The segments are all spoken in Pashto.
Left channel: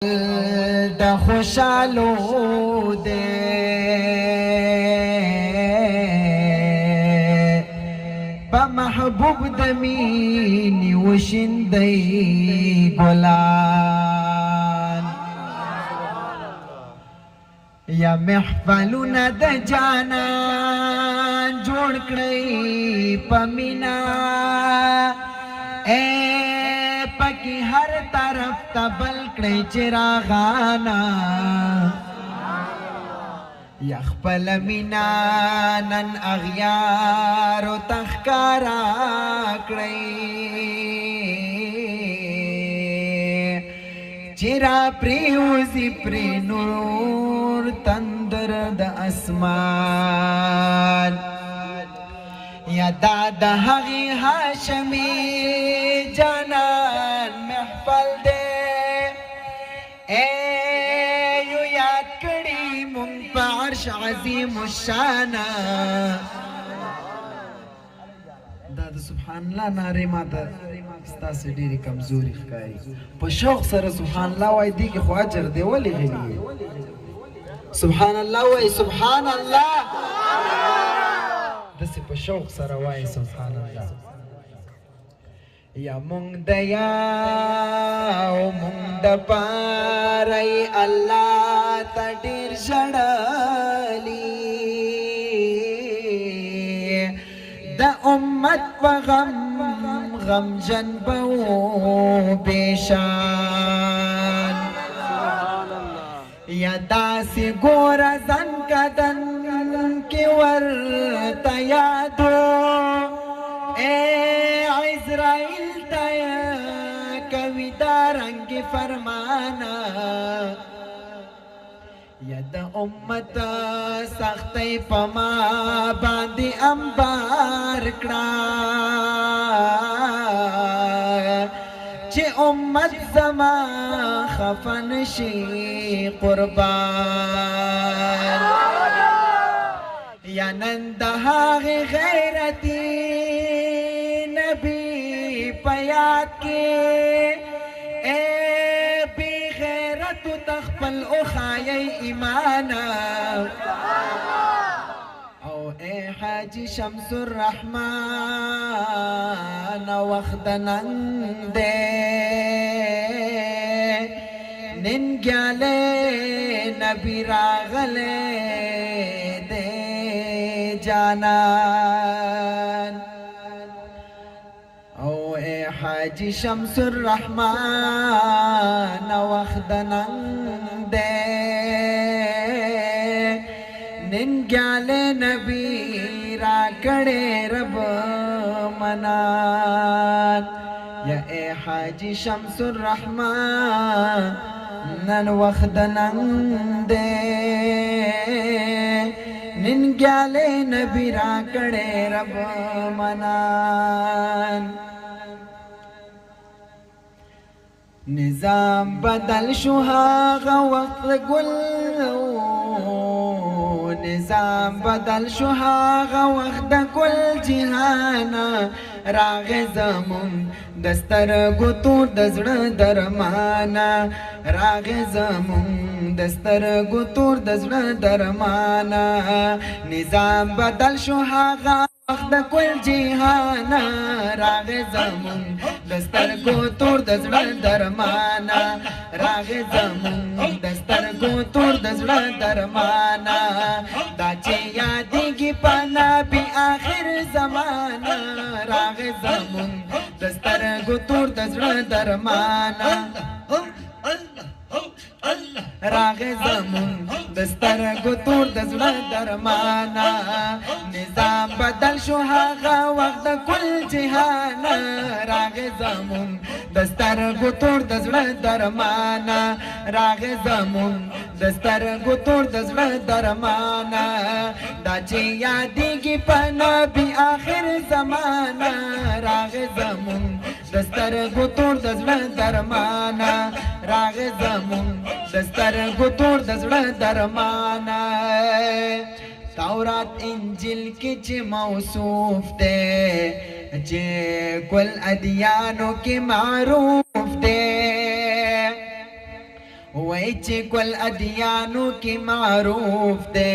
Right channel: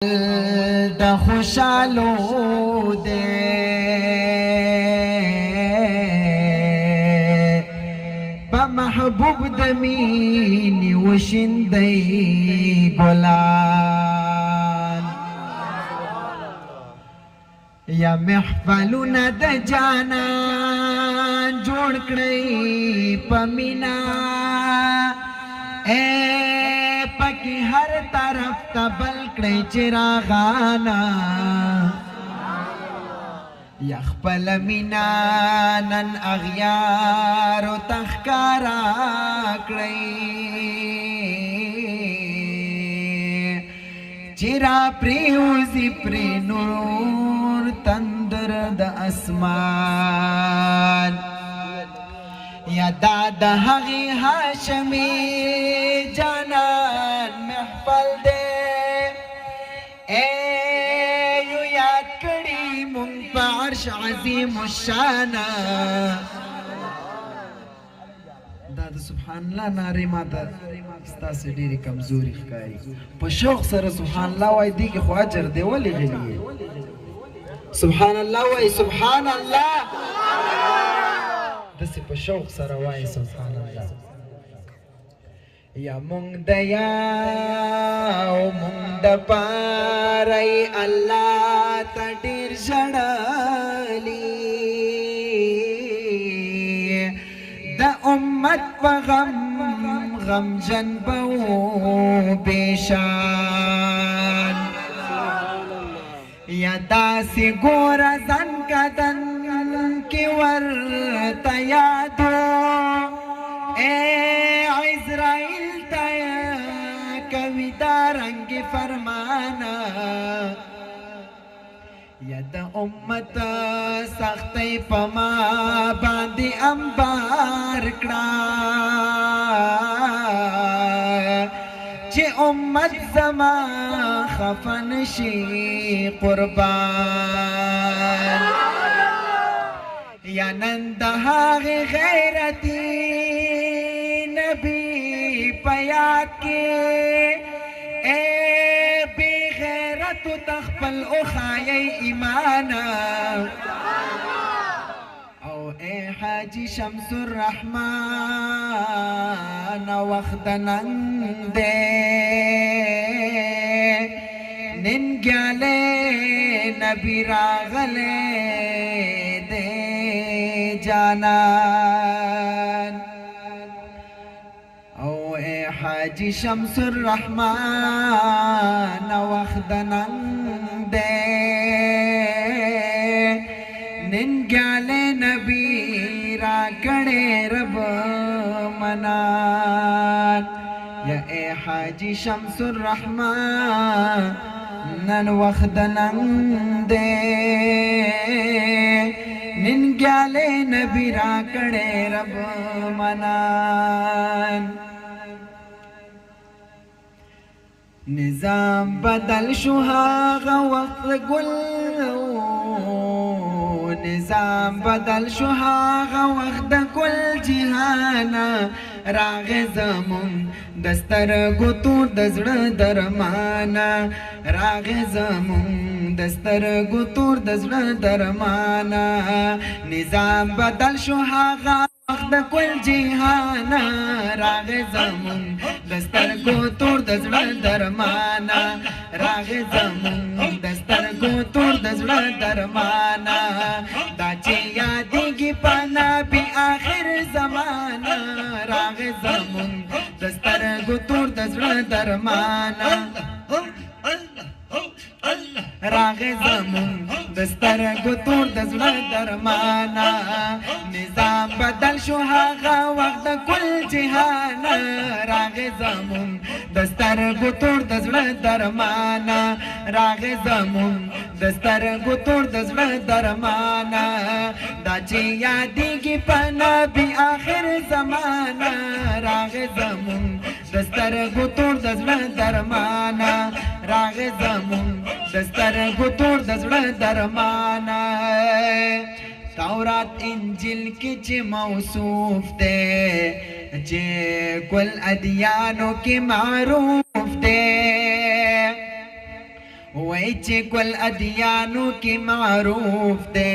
د خوشالو دے بمحبوب د مینې وشیندئ ګلان یا محفلونه د جانان جوړ کړئ په مینا پکی هر طرف تبل کړی چراغانا یا خپل مینا نن اغیارو تخکارا کړی چرا پریوزی پری نور تندر د اسمان یا داد هغی هاشمی جانان محفل دے یو یاد کړي مونږ په عرش عظیم الشانا دا د سبحان الله نارې ماته ستاسې ډېرې کمزوري ښکاري په شوق سره سبحان الله وایي دې کې خو اجر دی ولې غلي سبحان الله وایي سبحان الله دسې په شوق سره وایي سبحان الله یا مونږ د یاو مونږ د پاره الله ته ډېر ژړلي د امت په غم غمجن به و بېشان یا داسې ګوره زنګدن کې ورته یادو عزرائیل تایا کوي دا رنگ فرمانا یا د امت سختۍ په ما باندې انبار کړه چې امت زما خفه نشي قربان یا نن د هغې غیرتي نبی په یاد کې بې غیرتو ته خپل وښایئ ایمانا او ای حاجي شمس الرحمن وخت د نن دی ننګیالی نبی راغلی دی جانان او اے حاجی شمس الرحمن وخت نن دے ننګیالی نبی را کړی رب منان یا اے حاجی شمس الرحمن نن وخت نن دے ننګیالی نبی را کړی رب منان نظام بدل شو هاغه وخت ګل نظام بدل شو هاغه وخت د ګل جهانا راغې زمون د سترګو تور د زړه درمانا راغې زمون د سترګو تور د زړه درمانا نظام بدل شو هاغه وخت د ګل جهانا راغې زمون د سترګو تور د زړه درمانا راغې زمون د سترګو تور د زړه درمانا دا چې یادېږي په نبي آخر زمانه راغې زمون د سترګو تور د زړه درمانا راغې زمون د سترګو تور د زړه درمانا نظام بدل شو هغه وخت د کل جهانا راغې زمون د سترګو تور د زړه درمانا راغې زمون د سترګو تور د زړه درمانا دا چې یادېږي په نبي آخر زمانه راغې زمون د سترګو تور د زړه درمانا راغې زمون د سترګو تور د زړه درمانا تورات انجیل کې چې موصوف دی چې کل ادیانو کې معروف دی وای چې کل ادیانو کې معروف ده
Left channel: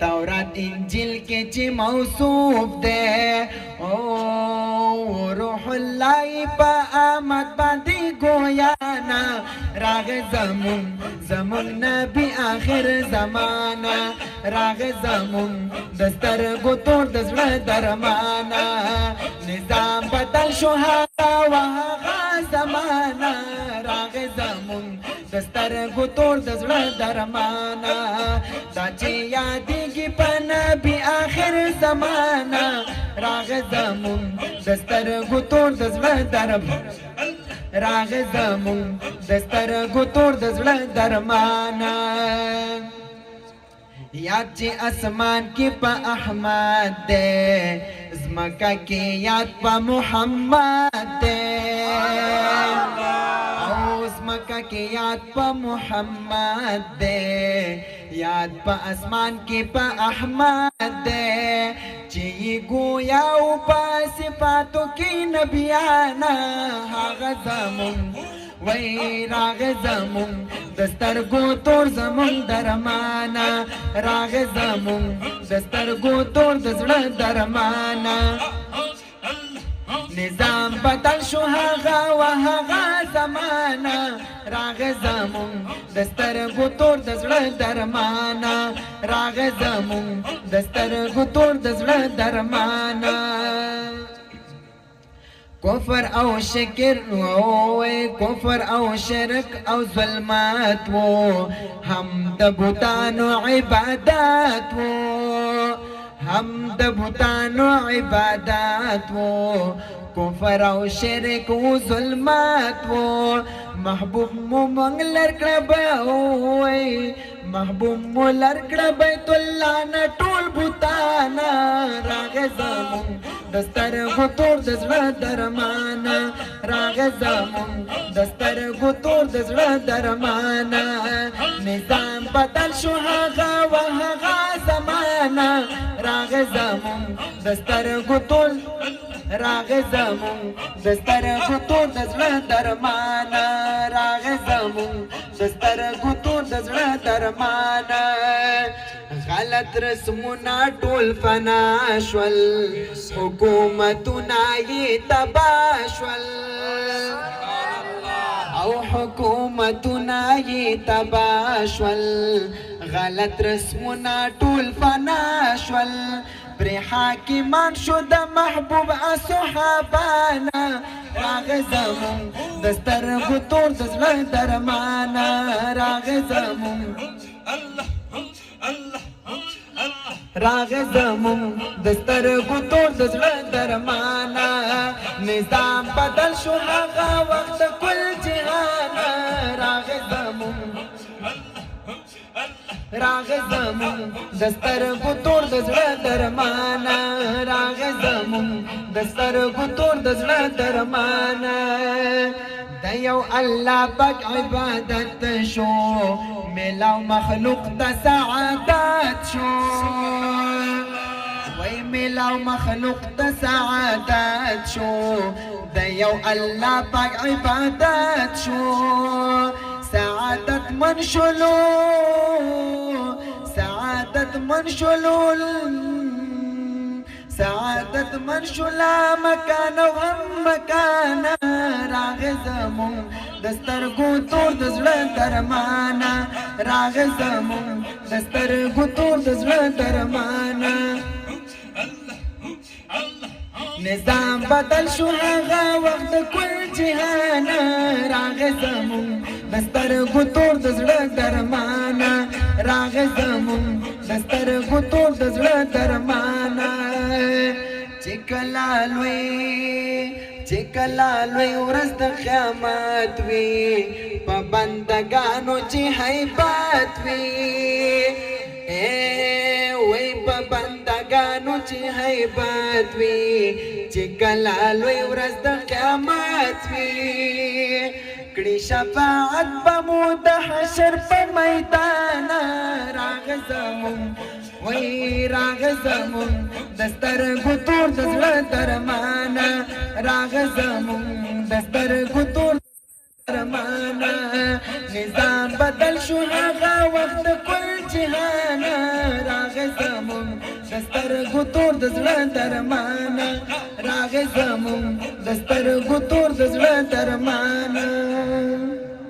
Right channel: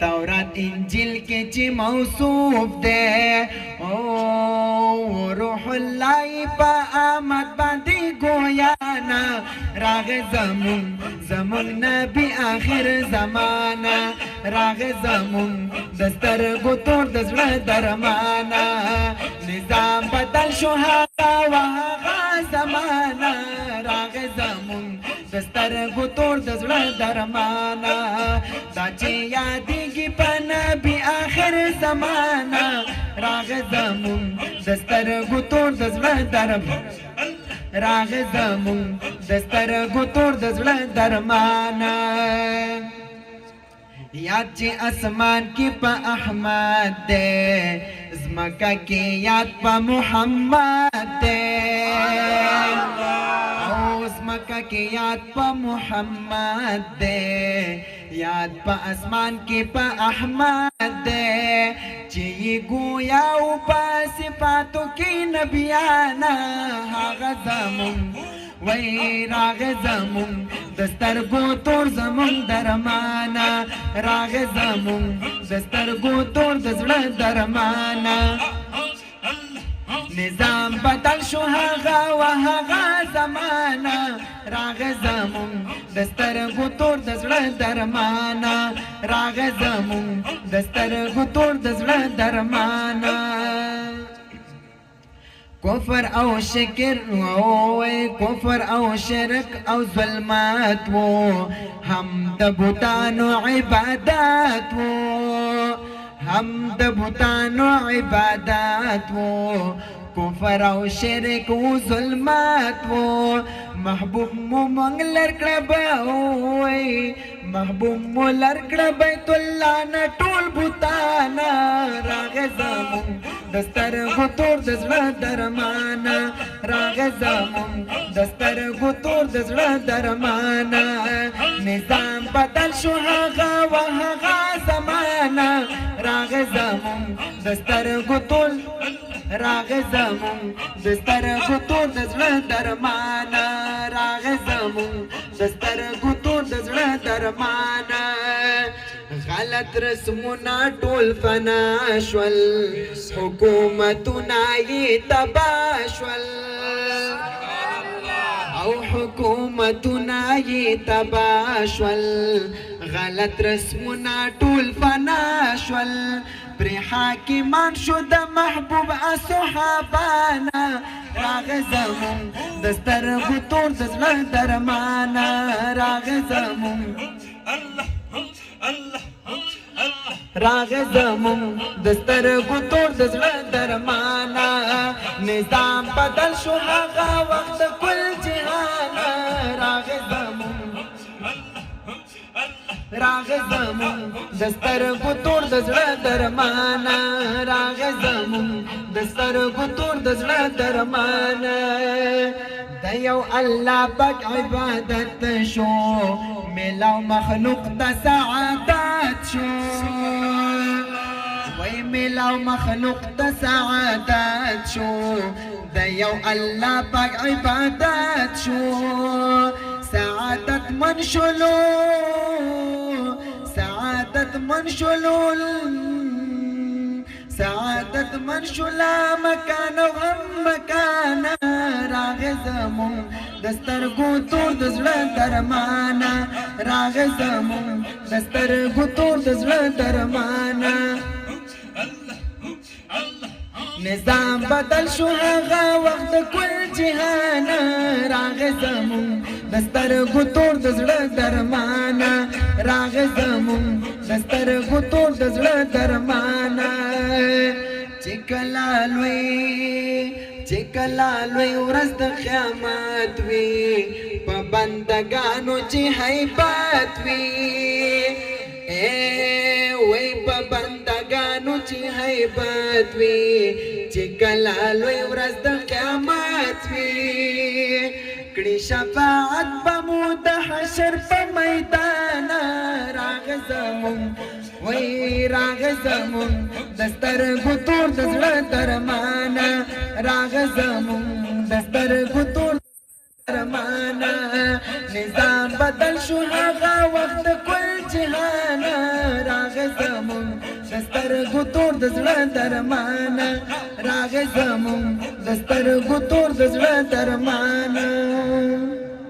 تورات انجیل کې چې موصوف ده او روح الله په آمد باندې ګویانا راغ زمون نبی آخر زمانہ راغ زمون دستر ګوتور د زړه درمانا نظام بدل شو هغه وهغه زمانہ راغ زمون دستر ګوتور د زړه درمانا دا چې یادېږي په نبی آخر زمانہ راغ زمون دستر ګوتور د زړه درمانا راغ زمون دستر ګوتور د زړه درمانا یاد چې اسمان کې په احمد ده زمکه کې یاد په محمد ده او زمکه کې یاد په محمد ده یاد په اسمان کې په احمد ده چې ګویا او په صفاتو کې نبیانا هغه زمون وای راغ زمون دسترګو تور زمون درمانا راغ زمون دسترګو تور د زړه درمانا نظام بدل شو هغه وهغه زمانہ راغ زمون دسترګو تور د زړه درمانا راغ زمون دسترګو تور د زړه درمانا کفر او شکر کفر او شرک او ظلمات و هم د بوتانو عبادات و هم د بوتانو عبادات و کفر او شرک او ظلمات و محبوب مو منګ لرکړه به وای محبوب مو لرکړه بیت الله نه ټول بوتانا راغ زمون دستر غتور د زړه درمانا راغ زمون دستر غتور د زړه درمانا نظام بدل شو هغه وهغه زمانہ راغ زمون دستر غتور راغ زمون دستر غتور د زړه درمانا راغ زمون دستر غتور د زړه درمانا غلط رسمونه ټول فنا شول حکومتونه یې تباه شول او حکومتونه یې تباه شول غلط رسمونه ټول فنا شول پرې حاکمان شو د محبوب صحابانا راغ زمون دسترګو تور د زړه درمانا راغ زمون راغ زمون دسترګو تور د زړه درمانا نظام بدل شو هغه وخت کل جهان راغ زمون راغ زمون دسترګو تور د زړه درمانا راغ زمون دسترګو تور د زړه درمانا د یو الله پاک عبادت شو ملاو مخلوق د سعادت شو وای ملاو مخلوق د سعادت شو د یو الله پاک عبادت شو سعادت من شلو سعادت من شلول سعادت من شلا مکان و هم مکان راغ زمون دسترګو تور د زړه درمانا راغ زمون دسترګو تور د زړه درمانا نظام بدل شو هغه وخت کل جهان راغ زمون دسترګو تور د زړه درمانا راغ زمون دسترګو تور د زړه درمانا چې کله لوی ورځ د قیامت وي په بندګانو چې هیبت وي وای په بندګانو چې هیبت وي چې کله لوی ورځ د قیامت وي کړي شفاعت په مو د حشر په میدان راغ زمون وای راغ زمون دسترګو تور د زړه درمانا راغ زمون دسترګو تور درمانا نظام بدل شو هغه وخت کل جهانا راغ زمون دسترګو تور د زړه درمانا راغ زمون دسترګو تور د زړه درمانا